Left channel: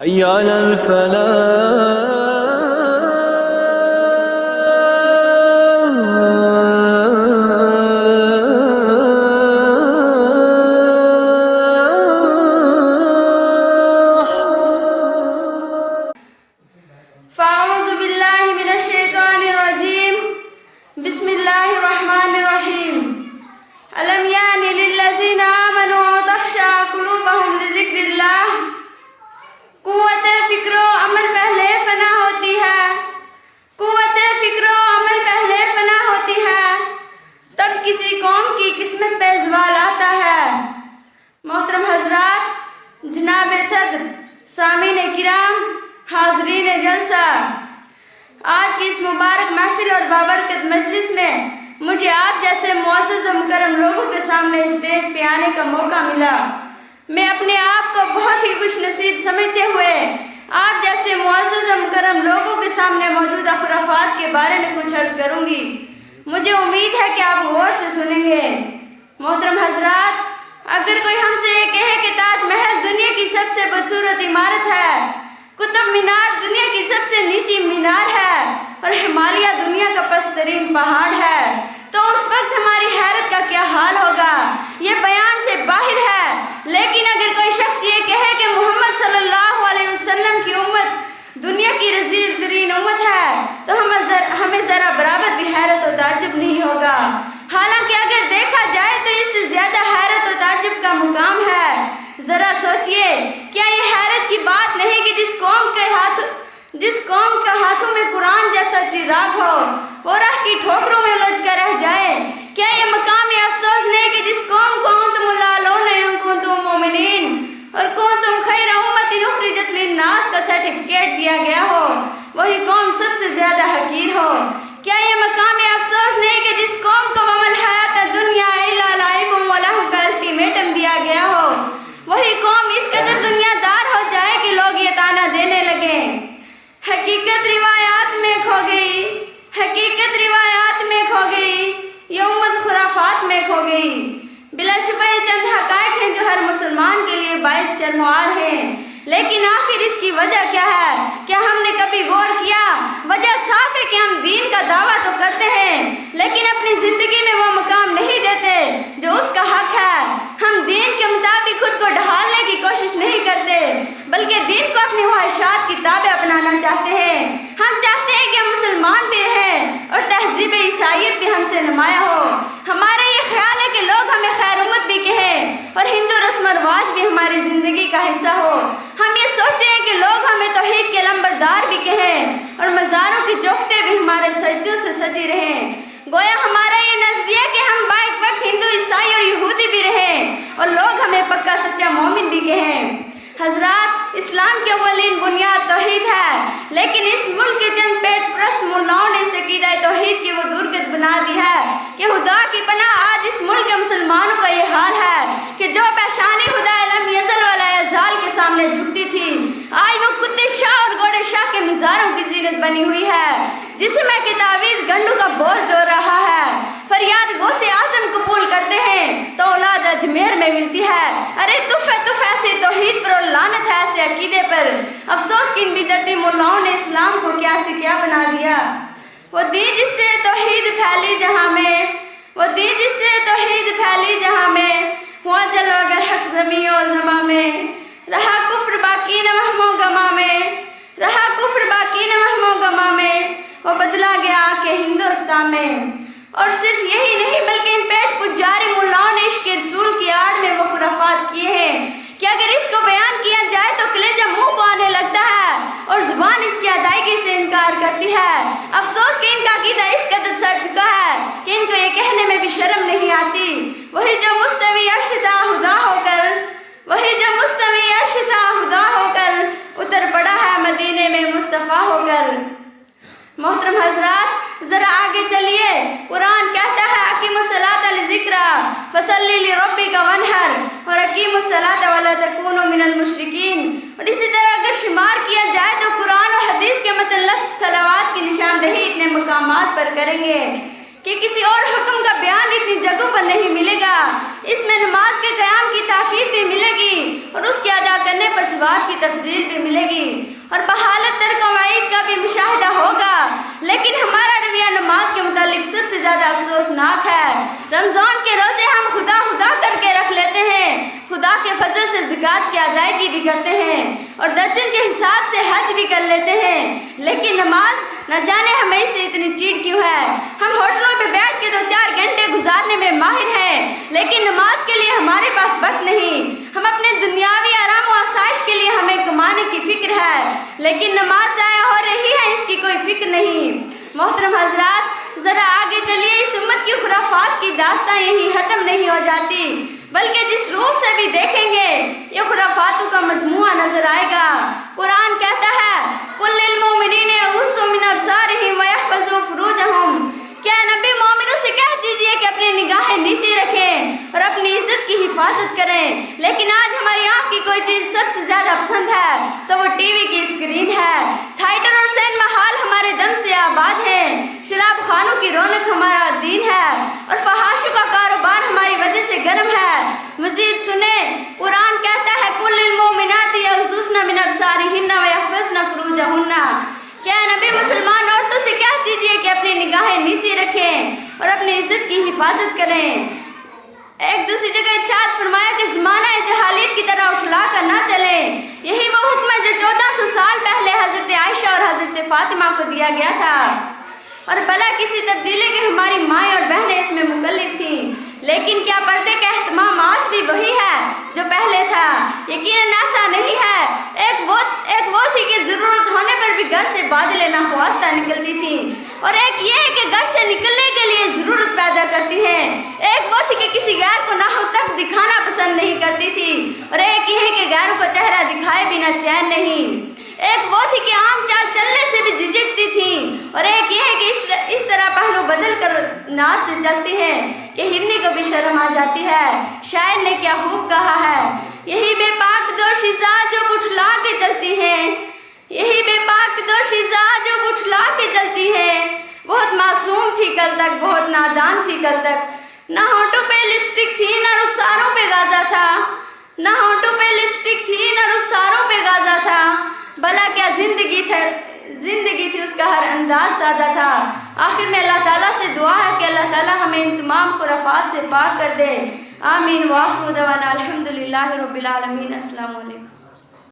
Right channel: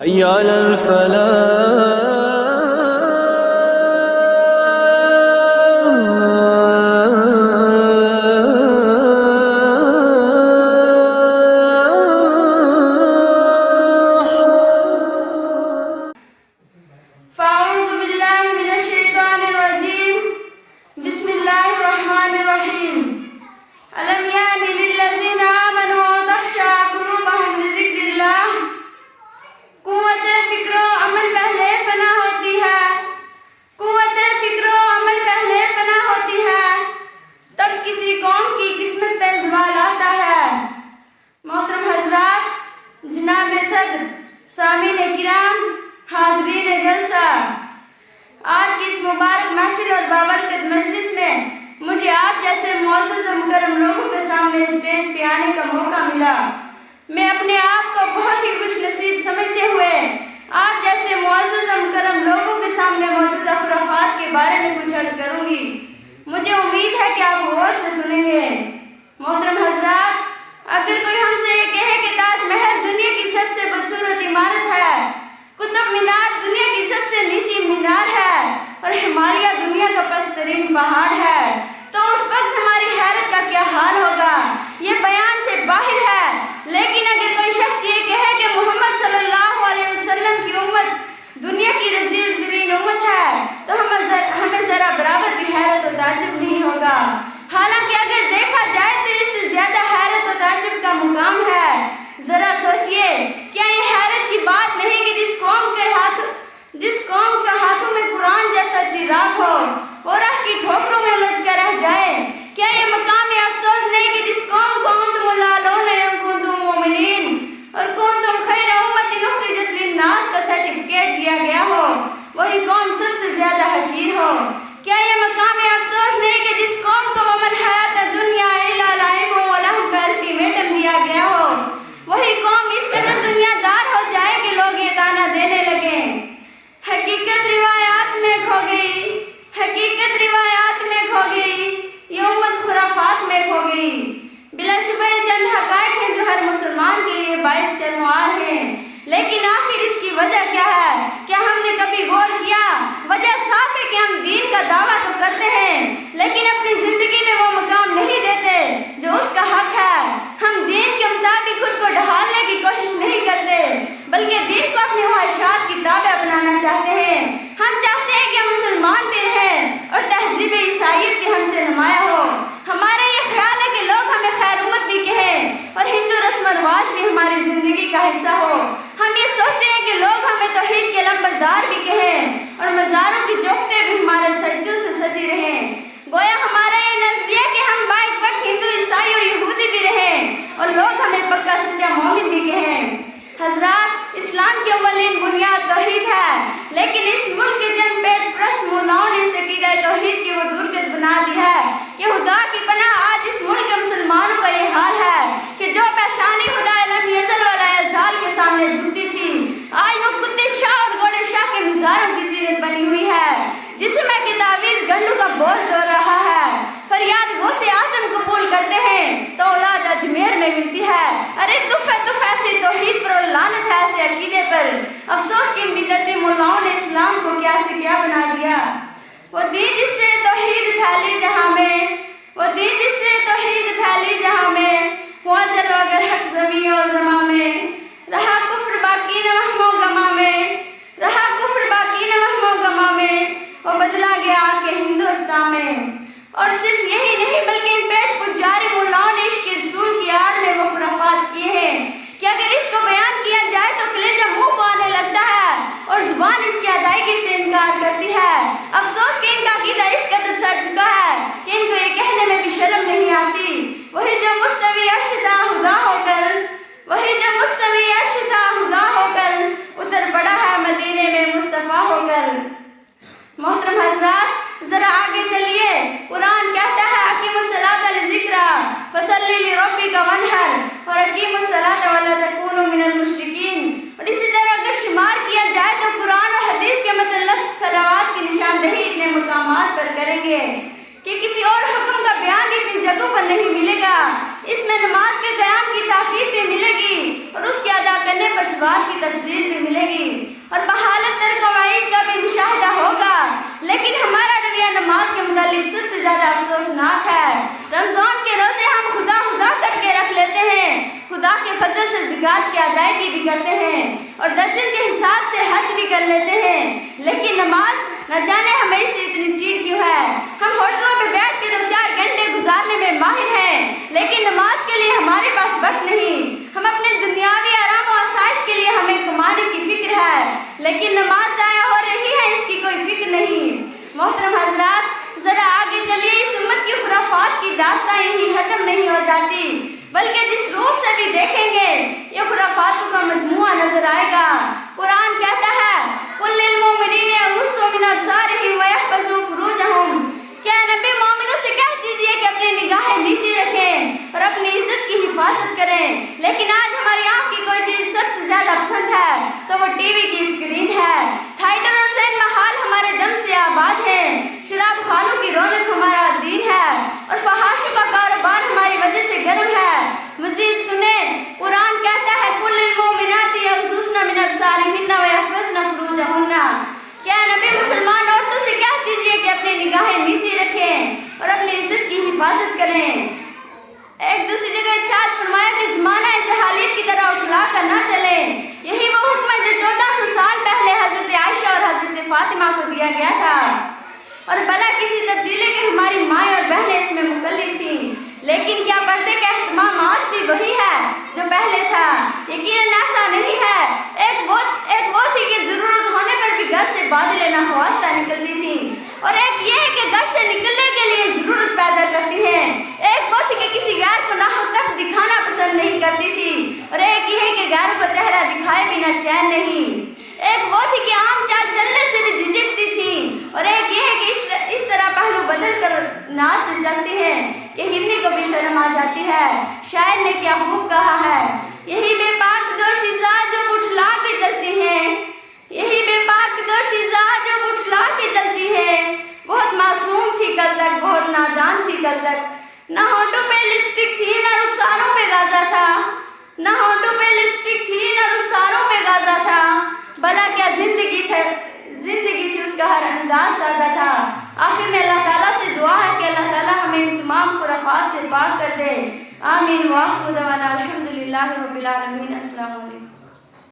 حي على الفلاح. فأعوذ بالله من الشيطان الرجيم. بسم الله الرحمن الرحيم. ألم يأن للذين آمنوا أن تخشع قلوبهم لذكر الله. قوت فکر و عمل پہلے فنا ہوتی ہے. قوت فکر و عمل پہلے فنا ہوتی ہے. تب کسی قوم کی قسمت پہ زوال آتا ہے. محترم حضرات، جناب صدر، سامعین کرام، حاضرین جلسہ، آج کی اس مبارک محفل اور بابرکت مجلس میں مجھے آپ جیسے معزز و مکرم لوگوں کے سامنے اسٹیج پہ آنے کا موقع ملا. میں اپنے آپ کو بہت ہی خوش نصیب سمجھتے ہوئے آپ جیسے معزز و مکرم لوگوں کے سامنے موجودہ خرافات کے بارے میں کچھ عرض کروں گی. مجھے امید ہے کہ آپ غور سے سنیں گے. محترم حضرات، اگر کوئی ہم سے یہ کہے کہ تاج محل دنیا کی سب سے بدصورت عمارت ہے، قطب مینار دنیا کی سب سے نیچی مینار ہے اور ہمالیہ دنیا کا پست ترین پہاڑ ہے، تو اس وقت ہماری حیرت کا کیا حال ہوگا، یہ بیان سے باہر ہے. لیکن اگر کوئی شخص یہ کہے کہ محمد صلی اللہ علیہ وسلم کی امت دنیا کی رذیل ترین امت ہے، تو ہمیں ذرا برابر بھی حیرت و تعجب نہیں ہوگا. حالانکہ اگر دیکھا جائے تو اس سے زیادہ حیرت و تعجب کا مقام ہے. ذرا سوچئے، کیا یہ حیرت کی بات نہیں کہ جس قوم کا ہاتھوں میں قرآن جیسا چراغ ہو وہ راہ کی ٹھوکروں میں الجھ کر رہ جائے؟ کیا یہ مقام افسوس نہیں کہ جس قوم کو انتم العالون ان کنتم مؤمنین اور کنتم خیر امت اخرجت للناس کا سرٹیفکیٹ دیا گیا ہو، وہی قوم سب سے زیادہ حقیر ہو؟ کیا یہ مقام افسوس نہیں کہ جس قوم کو وما الحیات الدنیا الا لعب و لہو کا الٹیمیٹم دیا گیا ہو، وہی قوم اس قدر دنیا دار ہو جائے کہ لوگ یہ طعنہ دینے لگیں حقیقت روایات میں کھو گئی، حقیقت روایات میں کھو گئی، یہ امت خرافات میں کھو گئی. بلا شبہ یہ چند حقائق ہیں جو ہر مسلمان کے لیے باعث شرم و عار ہیں. لیکن آخر اس کی وجہ کیا ہے؟ کیا ہم نے کبھی غور کیا؟ وجہ صاف ہے کہ ہم دین کا دعویٰ تو کرتے ہیں لیکن اپنی زندگی میں وہ مقام نہیں دیتے جو اس کا حق ہے. ہم دین کے مطابق خود کو ڈھالنے کی کوشش نہیں کرتے بلکہ دین کو اپنے خواہشات کی تابع بنانا چاہتے ہیں. ہم چاہتے ہیں کہ ہم مسلمان بھی رہیں اور تہذیب عیسائیت بھی ہم سے نمایاں ہو. ہمارا یہ خیال ہے کہ لوگ ہمیں خیر امت بھی کہیں اور ہندو رسم و رواج بھی ہماری زندگی کا حصہ ہو. ہم یہ سوچتے ہیں کہ لوگ ہمیں توحید کے لمبردار بھی کہیں اور مزاروں کی چوکھٹیں بھی ہمارے سجدوں سے سجی رہیں. گویا ہمارا یہ نظریہ کہ ہم بائک وقت ہندو، عیسائی اور یہودی بھی رہیں اور لوگ ہمیں پکا سچا مومن بھی کہیں. حضرات، اسلام کی اولین بنیاد توحید ہے، لیکن اس ملک کے چند پیٹ پرست ملاؤں نے اس عقیدہ توحید کی وہ درگت بنا دی ہے کہ خدا کی پناہ آج اس ملک کے مسلمانوں کا یہ حال ہے کہ جو پیشانی خدا لم یزل والا ازال کے سامنے جھکتی تھی، آج وہ کتے شاہ اور گھوڑے شاہ کے مزاروں کی زینت بنی ہوئی ہے، جسے میں کہ تعویذ گنڈوں کا بوجھ ڈول رہا ہے. فریاد غوث اعظم قبول کرتے ہیں تو اولاد اجمیر میں ملتی ہے. ارے تف ایسی توحید پر اور لعنت ہے ایسے عقیدے پر. افسوس کہ ان بدعتی ملاؤں نے اسلام کو کیا سے کیا بنا دیا. وہ دین جس سے توحید پھیلی جہاں میں، وہ دین جس سے توحید پھیلی جہاں میں، ہوا جلوہ گر حق زمین و زماں میں، رہا کفر باقی نہ وہم و گماں میں، رہا کفر باقی نہ وہم و گماں میں، وہ بدلا گیا کہ ہندوستان میں. اور صرف یہی نہیں بلکہ ان پیٹ پجاری ملاؤں نے عشق رسول کی آڑ میں وہ خرافات کیے ہیں کہ اگر اس کو بیان کیا جائے تو کلیجہ منہ کو آنے لگتا ہے اور زبان اس کی ادائیگی سے انکار کرتی ہے. افسوس کہ ان کا عقیدہ اس قدر سڑ چکا ہے کہ ان کو یہ کہنے میں بھی شرم نہیں آتی. وہی جو مستوی عرش تھا خدا ہو کر، وہی جو مستوی اور درجن کے حساب سے حج بھی کر لیتے ہیں، لیکن نماز نہ جانے ہمیں سے اتنی چیڑ کیوں ہے۔ ہم ہوٹلوں پہ بیٹھ کے 2-4 گھنٹے گزارنے میں ماہر ہیں، لیکن نماز کے لیے ہمارے پاس وقت نہیں۔ ہم اپنے دنیاوی آرام و آسائش کے لیے ہمیں کمانے کی فکر ہے، لیکن نماز ضائع ہو رہی ہے، اس کی کوئی فکر نہیں۔ محترم حضرات، ذرا آگے چلیے، اس امت کی خرافات کی داستان یہی ختم نہیں ہو جاتی، بلکہ جس روح سے بھی دیکھیں گے یہ خرافاتوں کا مجموعہ نظر آئے گا۔ قرآن کہتا ہے قُلْ لِلْمُؤْمِنِينَ يَغُضُّوا مِنْ أَبْصَارِهِمْ وَيَحْفَظُوا فُرُوجَهُمْ، کیا نبی مومنوں سے کہہ دیجئے کہ اپنی نگاہیں نیچے رکھیں اور اپنی عزت کی حفاظت کریں، لیکن آج ہماری آنکھ کی کوئی چیز سب سے زیادہ پسند ہے تو وہ ٹی وی کی اسکرین ہے۔ تھیٹر اور سینما ہال ہمارے دم سے آباد ہیں، شراب خانوں کی رونق ہمارا دین ہے اور فحاشی کا کاروبار ہماری وجہ سے گرم ہے۔ مزید سنیں، قرآن کہتا ہے قُلْ لِلْمُؤْمِنَاتِ يَغْضُضْنَ مِنْ أَبْصَارِهِنَّ وَيَحْفَظْنَ فُرُوجَهُنَّ، کیا نبی مسلمان عورتوں سے کہہ دیجئے کہ اپنی نگاہیں نیچے رکھیں اور اپنی عزت کی حفاظت کریں۔ ایک دوسری جگہ ارشاد فرمایا کہ زمانہ جہالیت کی طرح اٹھلا کر نہ چلے، یہی وہ حکم ہے جو 1400 سال پہلے حضرت عائشہ اور حضرت فاطمہ کو دیا گیا تھا، اور بلا کسی تبدیلی کی ہماری مائیں اور بہنیں اس میں مکلف تھیں، لیکن کیا پردے کا اہتمام آج بھی وہی ہے جو پہلے تھا؟ یقیناً ایسا نہیں ہے۔ ایک وہ تھی کہ ضرورت ہونے پر بھی گھر سے بادلیں ناخواستہ نکلتی تھی، اور ایک یہ ہے کہ گھر سے نکلنے کے لیے ضرورت پیدا کرتی ہے۔ ایک وہ تھی کہ کسی غیر کو نہ ہو تک دکھانا پسند نہیں کرتی تھی، اور ایک یہ ہے کہ غیر کو چہرہ دکھائے بنا چین نہیں۔ ایک وہ تھی کہ عام چال چلنے سے بھی جھجکتی تھی، اور ایک یہ ہے کہ اس طرح پہلو بدل کر ناز سے چلتی ہے کہ ہرنی کو بھی شرم آ جاتی ہے۔ شاعر نے کیا خوب کہا ہے، یہی بے پاک دوشیزہ جو اٹھلا کے چلتی ہے، یہی بے پاک دوشیزہ جو اٹھلا کے چلتی ہے، بہت معصوم تھی کل تک، بہت نادان تھی کل تک، نہ ہونٹوں پہ لپسٹک تھی نہ رخساروں پہ غازہ تھا، نہ ہونٹوں پہ لپسٹک تھی نہ رخساروں پہ غازہ تھا، بھلا کیا زندگی تھی اس کا ہر انداز سادہ تھا۔ آخر میں اللہ تعالیٰ سے دعا ہے کہ اللہ تعالیٰ ہمیں ان تمام خرافات سے پاک کر دے، آمین۔ وآخر دعوانا الحمدللہ رب العالمین۔